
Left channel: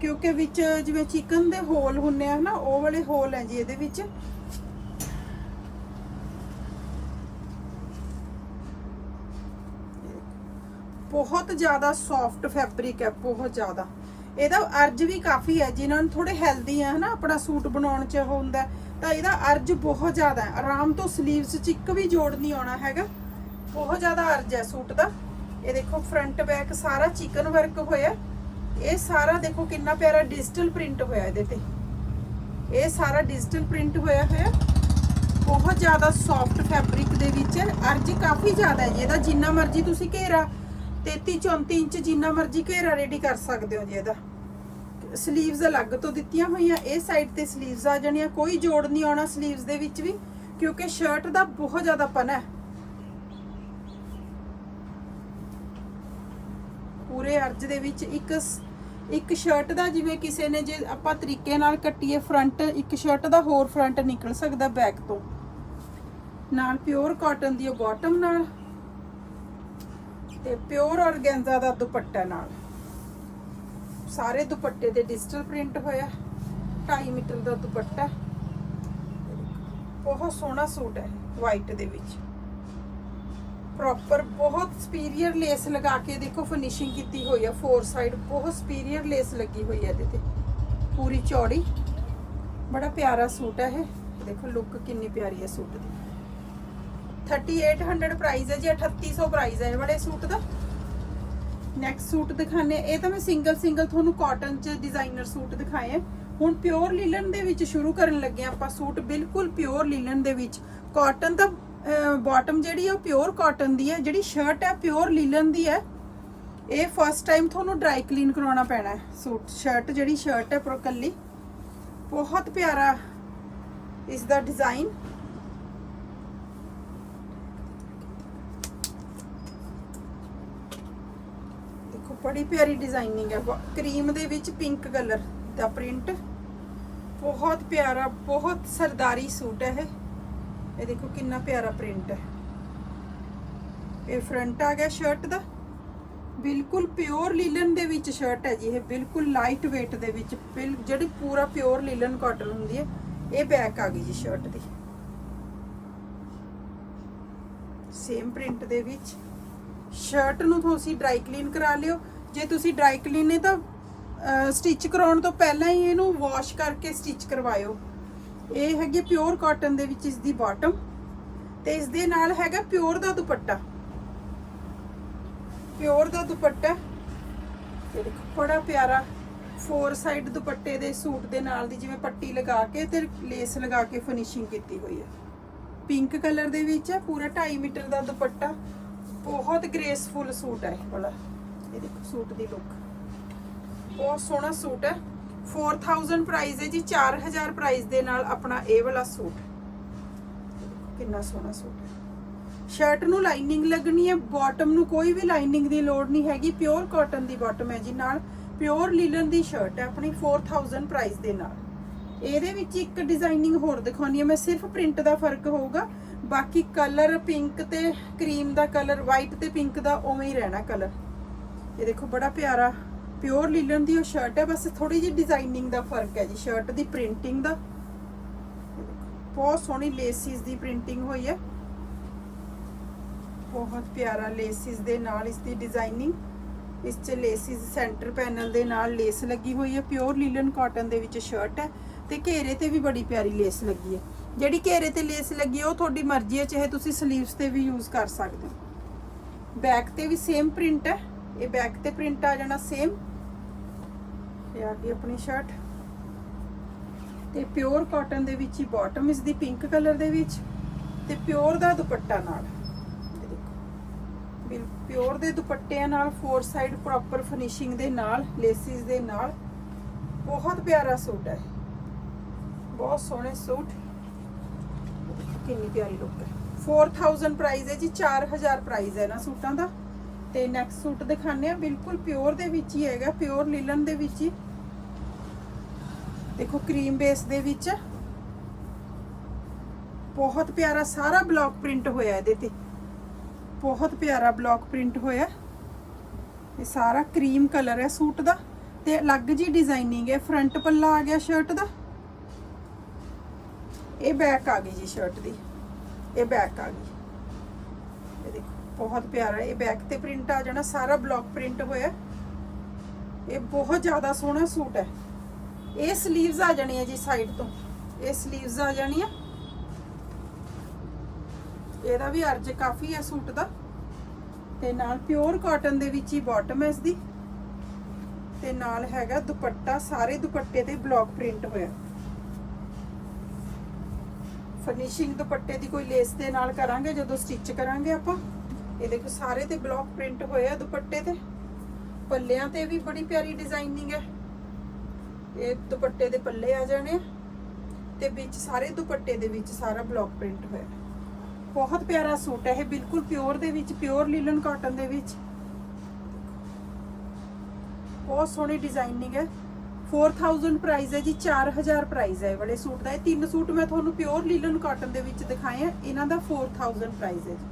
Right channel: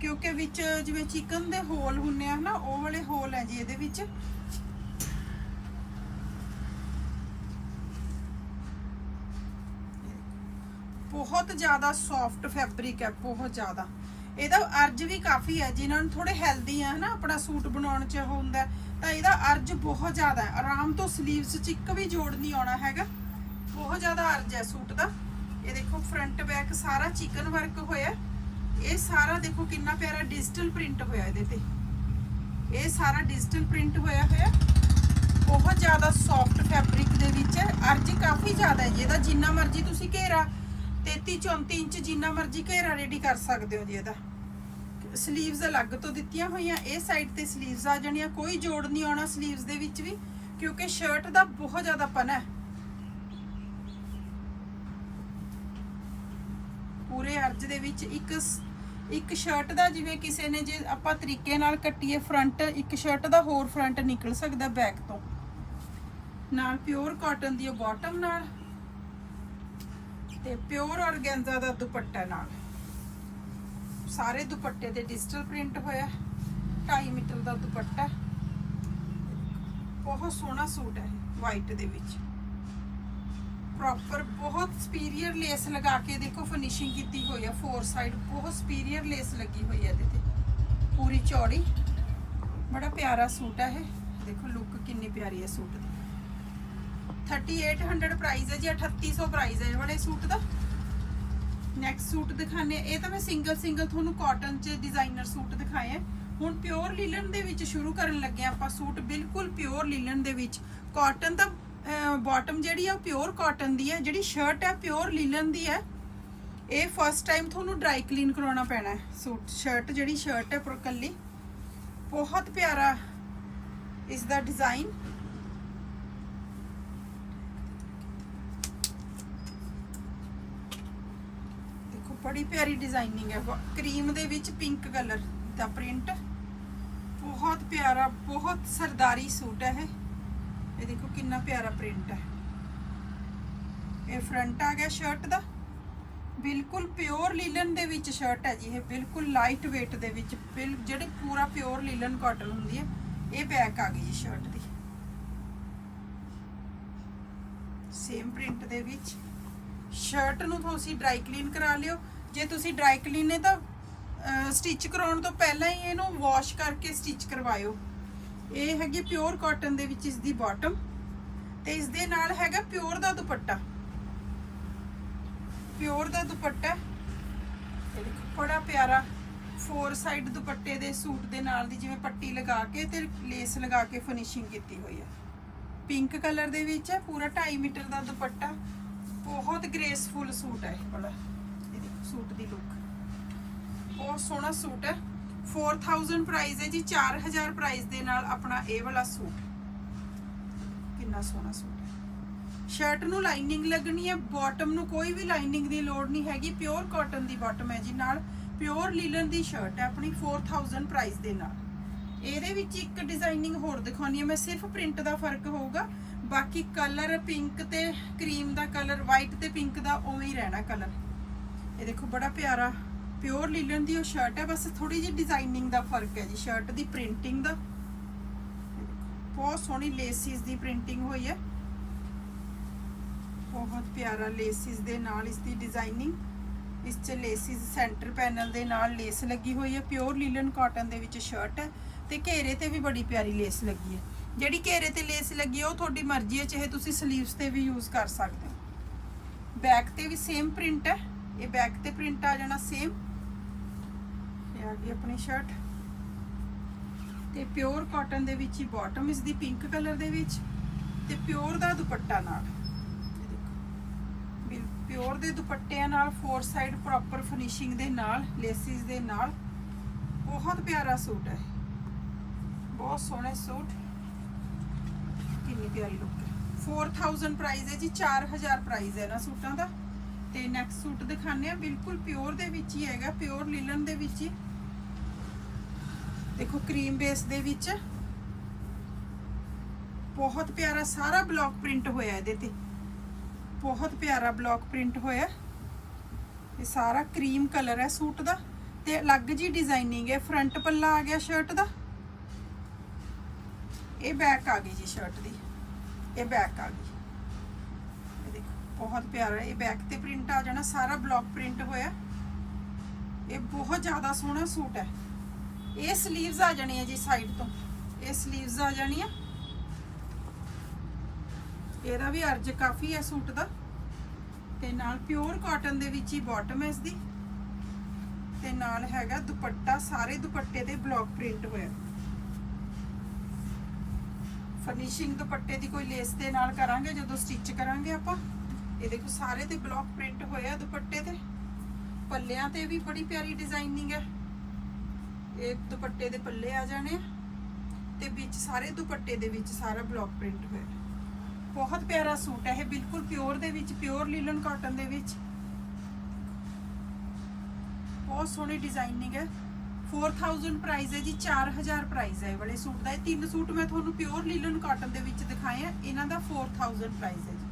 ਕਿਉਂਕਿ ਵਿੱਚ ਜਿਵੇਂ ਚਿਕਨ ਦੇ ਹੋਲ ਹੁੰਨੇ ਆ ਨਾ, ਉਹ ਵਾਲੇ ਹੋਲ ਹੈ ਜੀ ਇਹਦੇ ਵਿੱਚ। ਬਹੁਤ ਜ਼ਿਆਦਾ ਸੌਫਟ ਫੈਬਰਿਕ ਹੈ, ਬਹੁਤ ਜ਼ਿਆਦਾ। ਇਹਦਾ ਅਰਜ ਵੀ ਕਾਫੀ ਹੈ, ਜਿਨ੍ਹਾਂ ਨੂੰ ਥੋੜੇ ਹੈਲਦੀ ਆ, ਹਨਾ, ਆਪਣਾ ਸੂਟ ਬਣਾਉਣ ਚ ਉਹ ਹੁੰਦਾ ਤਾਂ ਇਹਦਾ ਅਰਜ ਬਹੁਤ ਜ਼ਿਆਦਾ ਹੈ। ਆਰਾਮ ਤੋਂ ਸਲੀਵਸ ਚ ਇੱਕ ਵੀ ਜੋੜ ਨਹੀਂ ਆਉਣਾ ਹੈਗਾ। ਬਹੁਤ ਜ਼ਿਆਦਾ ਅਰਜ ਹੈ ਸੂਟ ਦਾ। ਇਹ ਦੇਖੋ ਫਰੰਟ ਬੈਕ ਸਾਰਾ ਚਿਕਨ ਵਰਕ ਹੋਇਆ ਇਹ ਸਾਰਾ ਦੇਖੋ ਕਿੰਨਾ ਪਿਆਰਾ ਡਿਜੀਟਲ ਪ੍ਰਿੰਟ ਹੋਇਆ ਇਹਦੇ ਤੇ। ਇਹ ਸਾਰਾ ਡਿਜੀਟਲ ਪ੍ਰਿੰਟ ਹੋਇਆ ਹੋਇਆ ਬਹੁਤ ਜ਼ਿਆਦਾ ਸੌਫਟ ਫੈਬਰਿਕ ਦੇ ਵਿੱਚ ਅਰਜ ਕਾਫੀ ਜ਼ਿਆਦਾ ਹੈ ਇਹਦਾ ਜਿੰਨਾ ਮਰਜ਼ੀ ਤੁਸੀਂ ਘੇਰਾ 33 34 ਇੰਚ ਜਿੰਨਾ ਮਰਜ਼ੀ ਘੇਰਾ ਰੈਡੀ ਕਰ ਸਕਦੇ ਹੋ ਜੀ ਇਹਦਾ। ਸਲੀਵਸ ਅਲੱਗ ਤੋਂ ਦਿੱਤੀਆਂ ਹੋਈਆਂ, ਇਹ ਸਾਈਡ ਤੇ ਸਲੀਵਸ ਆ ਜਾਣੀਆਂ, ਕੋਈ ਜੋੜ ਨਹੀਂ ਆਉਣਾ ਸਲੀਵਸ ਦੇ ਵਿੱਚ ਵੀ, ਕਿਉਂਕਿ ਸ਼ਰਟ ਦਾ ਬਹੁਤ ਜ਼ਿਆਦਾ ਪਨਾ ਹੈ। ਪੂਰੇ ਅਰਜ ਦੇ ਵਿੱਚ ਇੱਕ ਇੱਕ ਸ਼ਰਟ ਦਾ ਜਿਵੇਂ ਕਿਸੇ ਨੇ ਜੇ ਆਪਾਂ ਤਰੀਕੇ ਨਾਲ ਕੱਟੀਏ ਫਰੰਟ ਇੱਕ ਸ਼ਰਟ ਦਾ ਹੋਰ ਫਰੰਟ ਨਿਕਲ ਸਕਦਾ ਬੈਕ ਤੋਂ। ਨਾਲ ਪਿਓਰ ਕਾਟਨ ਦੀ ਬਾਟਮ ਨਾਲ। ਤੇ ਪਿਓਰ ਔਰਗੈਂਜਾ ਦਾ ਦੁਪੱਟਾ ਨਾਲ। ਸਾਰੇ ਦੁਪੱਟੇ ਤੇ ਡਿਜੀਟਲ ਪ੍ਰਿੰਟ ਹੋਇਆ 2.5 ਮੀਟਰ ਦਾ ਦੁਪੱਟਾ। ਬਹੁਤ ਸੋਹਣਾ ਸੂਟ ਹੈ ਵਾਈਟ ਦੇ ਵਿੱਚ। ਪ੍ਰੋਪਰ ਬਹੁਤ ਸੁਪੀਰੀਅਰ ਲੇਸ ਲਗਾ ਕੇ ਦੇਖੋ ਫਿਨਿਸ਼ਿੰਗ ਕੀਤੀ ਹੋਈ ਹੈ ਫੋਰ ਸਾਈਡ ਬਹੁਤ ਸੁਪੀਰੀਅਰ ਲੇਸ ਲੱਗੀ ਹੋਈ ਹੈ ਇਹਦੇ ਤੇ। ਪੂਰੀ ਚੌੜੀ, ਬੜਾ ਪਿਆਰਾ ਸੂਟ ਹੈ ਇਹ। ਦੇਖੋ ਲੁੱਕ ਕਿੰਨੀ ਪਿਆਰੀ ਹੈ ਸੂਟ ਦੀ। 3800 ਪ੍ਰਾਈਸ ਹੈ ਜੀ, 3800 ਪ੍ਰਾਈਸ ਹੈ ਇਹ ਵਾਲੇ ਸੂਟ ਦਾ। ਨੈਕਸਟ ਸੂਟ ਦਿਖਾਣੇ ਇਹ ਤਾਂ ਮੈਂ ਸਿੰਗਲ ਸਿੰਗਲ ਤੁਹਾਨੂੰ ਕਾਟਨ ਚ ਡਿਜ਼ਾਈਨਰ ਸੂਟ ਦਿਖਾਏ ਹੁਣ ਪਿਓਰ ਲਿਲਨ ਦੇ ਵਿੱਚ ਸ਼ੁਰੂ ਕਰਨ ਲੱਗੇ ਹਾਂ ਆਪਾਂ ਸੂਟ, ਬਿਲਕੁਲ ਪਿਓਰ ਲਿਲਨ ਦੇ ਵਿੱਚ। ਕਾਟਨ ਤਾਂ ਬਾਟਮ ਜਿਹੜੀ ਹੈ ਉਹ ਪਿਓਰ ਕਾਟਨ ਦੀ ਹੈ, ਜਿਹੜੀ ਸ਼ਰਟ ਹੈ ਪਿਓਰ ਲਿਲਨ ਦੀ ਹੈ। ਇਹ ਫਸਟ ਟਾਈਮ ਤੁਹਾਨੂੰ ਡਰਾਈ ਕਲੀਨ ਕਰਾਉਣਾ ਪੈਣਾ ਸੂਟ ਸ਼ਰਟ ਜਿਹੜੀ ਸ਼ਰਟ ਹੈ ਪਰ ਕੱਲੀ ਬਹੁਤ ਪਿਆਰਾ ਇਸ ਦਾ ਡਿਜ਼ਾਈਨ ਦੇਖੋ ਬੜੀ ਪਿਆਰੀ ਡਿਜ਼ਾਈਨਿੰਗ ਹੈ। ਕਰੀਮ ਦੇ ਵਿੱਚ ਪਿੰਕ ਕਲਰ ਦਾ ਪ੍ਰਿੰਟ ਬਹੁਤ ਪਿਆਰਾ, ਬਹੁਤ ਸਰਦਾਰੀ ਸੂਟ ਹੈ ਇਹ। ਇਹ ਦੇਖੋ ਕਿੰਨਾ ਪਿਆਰਾ ਪ੍ਰਿੰਟ ਹੈ। ਇਹ ਫਰੰਟ ਆ ਗਿਆ ਸ਼ਰਟ ਦਾ। ਬਿਲਕੁਲ ਪਿਓਰ ਲੀਲਨ ਦੇ ਵਿੱਚ ਸ਼ਰਟ ਹੈ ਜੀ ਇਹ। ਬਿਲਕੁਲ ਲਾਈਟ weight ਦੇ ਵਿੱਚ ਜਿਹੜੀ ਪੂਰਾ ਪਿਓਰ ਲੀਲਨ ਕਾਟਨ ਹੁੰਦੀ ਹੈ, ਇਹ ਬੈਕ ਆ ਗਈ ਜੀ ਸ਼ਰਟ ਦੀ। ਸੇਮ ਪ੍ਰਿੰਟ ਦੇ ਵਿੱਚ। ਸ਼ਰਟ ਨੂੰ ਤੁਸੀਂ ਡਰਾਈ ਕਲੀਨ ਕਰਾ ਲਿਓ। ਜੇ ਤੁਸੀਂ ਡਰਾਈ ਕਲੀਨ ਨੇ ਤਾਂ ਸਟਿਚ ਕਰਾਉਣ ਤੋਂ ਪਹਿਲਾਂ ਹੀ ਇਹਨੂੰ ਵਾਸ਼ ਕਰਕੇ ਸਟਿਚ ਕਰਵਾਇਓ। ਇਹ ਹੈਗੀ ਪਿਓਰ ਕਾਟਨ ਦੇ ਵਿੱਚ ਇਸ ਦੀ ਬਾਟਮ ਤੇ ਇਸ ਦੇ ਨਾਲ ਹੈਗਾ ਪਿਓਰ ਦਾ ਦੁਪੱਟਾ। ਪਿਓਰ ਦਾ ਦੁਪੱਟਾ ਦੇਖੋ, ਬੜਾ ਪਿਆਰਾ ਫੋਰ ਸਾਈਡ ਦੁਪੱਟੇ ਦੇ ਸੂਟ ਦੇ ਨਾਲ ਦੀ ਜਿਵੇਂ ਪੱਟੀ ਲਗਾ ਕੇ ਤੇ ਲੇਸ ਲਗਾ ਕੇ ਫਿਨਿਸ਼ਿੰਗ ਕੀਤੀ ਹੋਈ ਹੈ ਪਿੰਕ ਕਲਰ ਦੇ ਵਿੱਚ ਹੈ ਪੂਰਾ 2.5 ਮੀਟਰ ਦਾ ਦੁਪੱਟਾ। ਬਹੁਤ ਗ੍ਰੇਸਫੁਲ ਸੂਟ ਹੈ ਇਹ ਵਾਲਾ। ਇਹ ਦੇਖੋ ਸੂਟ ਦੀ ਲੁੱਕ ਬਹੁਤ ਸੋਹਣਾ ਸੂਟ ਹੈ। 4000 ਪ੍ਰਾਈਸ ਹੈ ਜੀ 4000 ਪ੍ਰਾਈਸ ਦੇ ਨਾਲ ਆਪਣਾ ਇਹ ਵਾਲਾ ਸੂਟ। ਕਿੰਨਾ ਸੋਹਣਾ ਸੂਟ ਹੈ। ਸ਼ਰਟ ਨੂੰ ਲਾਈਨਿੰਗ ਲੱਗਣੀ ਹੈ ਬਾਟਮ ਨੂੰ ਕੋਈ ਵੀ ਲਾਈਨਿੰਗ ਦੀ ਲੋੜ ਨਹੀਂ ਹੈਗੀ ਪਿਓਰ ਕਾਟਨ ਦੀ ਬਾਟਮ ਹੈ ਜੀ ਨਾਲ। ਪਿਓਰ ਲੀਲਨ ਦੀ ਸ਼ਰਟ ਹੈ ਆਪਣੀ 4000 ਪ੍ਰਾਈਸ ਦੇ ਨਾਲ। ਇਹਦੇ ਵਿੱਚ ਇੱਕ ਡਿਜ਼ਾਈਨਿੰਗ ਹੋਰ ਦਿਖਾਉਣੀ ਹੈ। ਮੈਂ ਸਿਰਫ ਪ੍ਰਿੰਟ ਦਾ ਫ਼ਰਕ ਹੋਊਗਾ। ਬਾਕੀ ਕਲਰ ਪਿੰਕ ਤੇ ਕਰੀਮ ਦਾ ਕਲਰ ਵਾਈਟ ਤੇ ਪਿੰਕ ਦਾ ਉਵੇਂ ਹੀ ਰਹਿਣਾ ਕਲਰ ਇਹ ਦੇਖੋ ਬੜਾ ਪਿਆਰਾ ਪਿਓਰ ਲੀਲਨ ਦੀ ਉਹ ਸ਼ਰਟ ਹੈ, ਬਸ ਥੋੜੀ ਜਿਹੀ ਡਿਜ਼ਾਈਨਿੰਗ ਦਾ ਫ਼ਰਕ ਹੈ ਜੀ ਸ਼ਰਟ ਦੀ ਪ੍ਰਿੰਟਿੰਗ ਦਾ। ਬਹੁਤ ਸੋਹਣੀ ਲੇਸਿਸ ਦੀ ਪ੍ਰਿੰਟਿੰਗ ਹੋਈ ਹੈ। ਬਹੁਤ ਪਿਆਰਾ ਲੇਸਿਸ ਦੇ ਨਾਲ ਇਸ ਦੀ ਡਿਜ਼ਾਈਨਿੰਗ ਇਸ 'ਚ ਲੇਸਿਸ ਸੈਂਟਰ ਪੈਨਲ ਦੇ ਨਾਲ ਲੇਸ ਲੱਗੀ ਹੋਈ ਹੈ ਪਿਓਰ ਲੀਲਨ ਕਾਟਨ ਦੇ ਵਿੱਚ ਸ਼ਰਟ ਹੈ। ਤੇ ਘੇਰੇ ਤੇ ਵੀ ਬੜੀ ਪਿਆਰੀ ਲੇਸ ਲੱਗੀ ਹੈ। ਜਿਹੜੀ ਘੇਰੇ ਤੇ ਲੇਸ ਲੱਗੀ ਹੈ, ਉਹ ਤੁਹਾਡੀ ਮਰਜ਼ੀ ਹੈ, ਚਾਹੇ ਤੁਸੀਂ ਸਲੀਵਸ ਤੇ ਵੀ ਯੂਜ਼ ਕਰ ਸਕਦੇ ਹੋ। ਬੈਕ ਤੇ ਵੀ ਸੇਮ ਪ੍ਰਿੰਟ ਹੈ। ਇਹ ਬੈਕ ਤੇ ਪ੍ਰਿੰਟ ਆ ਜਾਣਾ ਸੇਮ ਇਹ ਆ ਗਈ ਆਪਣੀ ਸ਼ਰਟ ਤੇ ਪਿਓਰ ਕਾਟਨ ਦੇ ਵਿੱਚ ਹੀ ਬਾਟਮ ਇਸ ਦੀ ਪਿੰਕ ਕਲਰ ਦੇ ਵਿੱਚ। ਤੇ ਪਿਓਰ ਦਾ ਦੁਪੱਟਾ ਨਾਲ। ਇਹ ਦੇਖੋ। ਪਿਓਰ ਦੇ ਦੁਪੱਟਿਆਂ ਨਾਲ ਫੋਰ ਸਾਈਡ ਪ੍ਰੋਪਰ ਫਿਨਿਸ਼ਿੰਗ ਦੇ ਨਾਲ ਲੇਸਿਸ ਦੇ ਨਾਲ। ਬਹੁਤ ਪਿਆਰਾ ਸੂਟ ਹੈ। ਬਹੁਤ ਸੋਹਣੇ ਸੂਟ। ਕਿੰਨੀ ਪਿਆਰੀ ਲੁੱਕ ਹੈ। 4000 ਪ੍ਰਾਈਸ ਹੈ ਜੀ 4000 ਪ੍ਰਾਈਸ ਹੈ ਨਾ ਸੂਟਾਂ ਦਾ। ਤੇ ਨੈਕਸਟ ਸੂਟ ਦਿਖਾਣੇ ਆ ਬਿਲਕੁਲ ਪਿਓਰ ਦੇ ਵਿੱਚ ਹੀ ਹੈਗਾ ਪਿਓਰ ਲਿਲਨ ਦੇ ਵਿੱਚ ਹੀ। ਦੇਖੋ ਕਰੀਮ ਬੇਸ ਦੇ ਵਿੱਚ। ਬਹੁਤ ਪਿਆਰਾ ਸਾਰਾ ਬਲੌਕ ਪ੍ਰਿੰਟ ਹੋਇਆ ਇਹਦੇ ਤੇ। ਬਹੁਤ ਪਿਆਰਾ ਬਲੌਕ ਪ੍ਰਿੰਟ ਹੋਇਆ। ਇਹ ਸਾਰਾ ਕਰੀਮ ਕਲਰ ਹੈ ਸੂਟ ਦਾ। ਤੇ ਅਲੱਗ ਜੀ ਡਿਜ਼ਾਈਨਿੰਗ ਹੈ। ਫਰੰਟ ਪੱਲਾ ਆ ਗਿਆ ਸ਼ਰਟ ਦਾ। ਇਹ ਬੈਕ ਆ ਗਈ ਜੀ ਸ਼ਰਟ ਦੀ। ਇਹ ਬੈਕ ਆ ਗਈ। ਬਹੁਤ ਪਿਆਰਾ ਇਹ ਬੈਕ ਤੇ ਪ੍ਰਿੰਟ ਆ ਜਾਣਾ, ਸਾਰਾ ਬਲੌਕ ਪ੍ਰਿੰਟ ਹੋਇਆ ਇਹ ਬਹੁਤ ਜ਼ਿਆਦਾ ਸੋਹਣਾ ਸੂਟ ਹੈ। ਇਹ 슬ੀਵਸ ਆ ਜਾਣੀਆਂ ਜੀ ਸਾਈਡ ਤੋਂ। ਇਹ 슬ੀਵਸ ਆ ਜਾਣੀਆਂ ਇਹਦਾ ਵੀ ਅਰਜ ਕਾਫੀ ਹੈ ਸੂਟ ਦਾ। ਤੇ ਨਾਲ ਪਿਓਰ ਕਾਟਨ ਦੇ ਵਿੱਚ ਹੀ ਬਾਟਮ ਹੈ ਇਸ ਦੀ ਤੇ ਨਾਲ ਹੈਗਾ ਦੁਪੱਟਾ, ਸਾਰੇ ਦੁਪੱਟੇ ਤੇ ਬਲੌਕ ਪ੍ਰਿੰਟ ਹੋਇਆ ਫਿਨਿਸ਼ਿੰਗ ਦੁਪੱਟੇ ਦੀ ਕੋਈ ਲੇਸ ਦੇ ਨਾਲ ਕਰਾਂਗੇ, ਜਦੋਂ ਸਟਿਚ ਕਰਾਂਗੇ ਆਪਾਂ। ਇਹ ਦੇਖੋ ਸਾਰੇ ਤੇ ਬਲੌਕ ਪ੍ਰਿੰਟ ਹੋਇਆ ਦੁਪੱਟੇ ਤੇ। ਪੱਲਿਆਂ ਤੇ ਵੀ ਬੜੀ ਪਿਆਰੀ ਡਿਜ਼ਾਈਨਿੰਗ ਹੈ। ਇਹ ਦੁਪੱਟੇ ਦੇ ਪੱਲੇ ਆ ਜਾਣੇ ਆ। ਤੇ ਵਿੱਚ ਸਾਰੇ ਦੁਪੱਟੇ ਦੇ ਵਿੱਚ ਸਾਰਾ ਬਲੌਕ ਪ੍ਰਿੰਟ ਹੋਇਆ। ਬਹੁਤ ਪਿਆਰਾ ਸੂਟ ਹੈ ਇਹ, ਬਿਲਕੁਲ ਪਿਓਰ ਦੇ ਵਿੱਚ ਪਿਓਰ ਲੀਲਨ ਕਾਟਨ ਦੇ ਵਿੱਚ। ਬਹੁਤ ਸੋਹਣੀ ਡਿਜ਼ਾਈਨਿੰਗ ਹੈ। 4000 ਪ੍ਰਾਈਸ ਹੈ ਜੀ 4000 ਪ੍ਰਾਈਸ ਹੈ ਇਹ ਵਾਲੇ ਸੂਟ ਦਾ। ਇਹ ਤਿੰਨ ਸੂਟ ਮੈਂ ਤੁਹਾਨੂੰ ਪਿਓਰ ਲੀਲਨ ਕਾਟਨ ਦੇ ਵਿੱਚ ਦਿਖਾਏ ਆ। ਇਹਨਾਂ ਦਾ 4000 ਪ੍ਰਾਈਸ ਹੈ ਜੀ।